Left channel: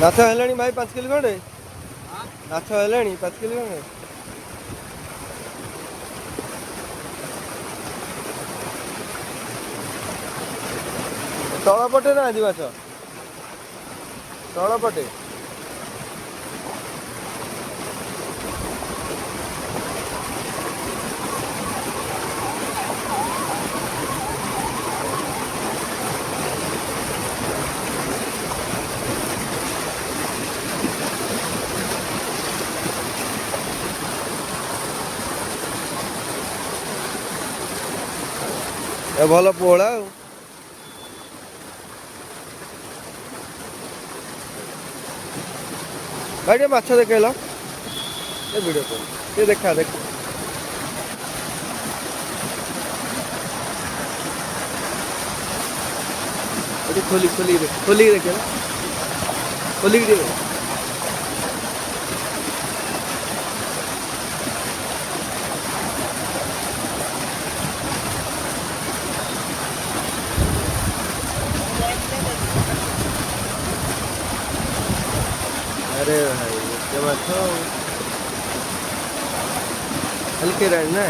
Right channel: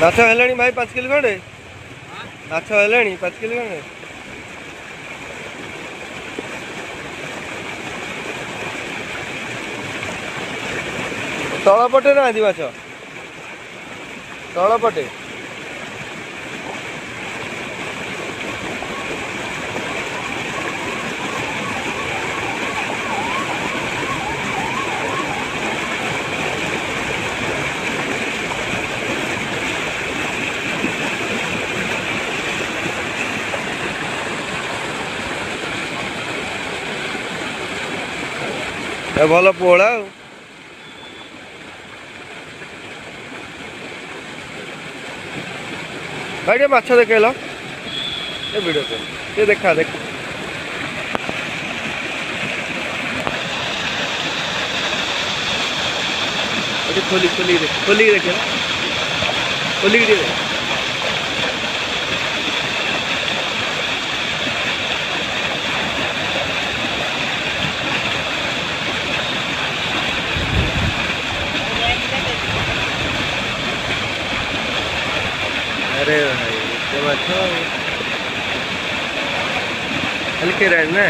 ମାଛ ହେଲାଣି ଭାଇ 5 କିଲୋ ଖଣ୍ଡେ। ମାଛ ହେଲାଣି 5 କିଲୋ ଖଣ୍ଡେ। ତଳ ପଟେ ନାହାନ୍ତି ମାଛ, ତଳ ପଟେ। ଭଲ ପୋହଳା ଆଉ। ଭାଇ ଟିକେ ମାଛ ଦେଖେଇଲ ଏ ଭିଡ଼ିଓ କଲ ଟିକେ ଦେଖା ଦେଖ। ଟିକେ ଖୋଲିକି ଦେଖ, ଖୋଲିକି ଦେଖେଇଲ, ଖୋଲିକି ଟିକେ ଦେଖ। अरे भाई एते माछ खाली केराणी ना।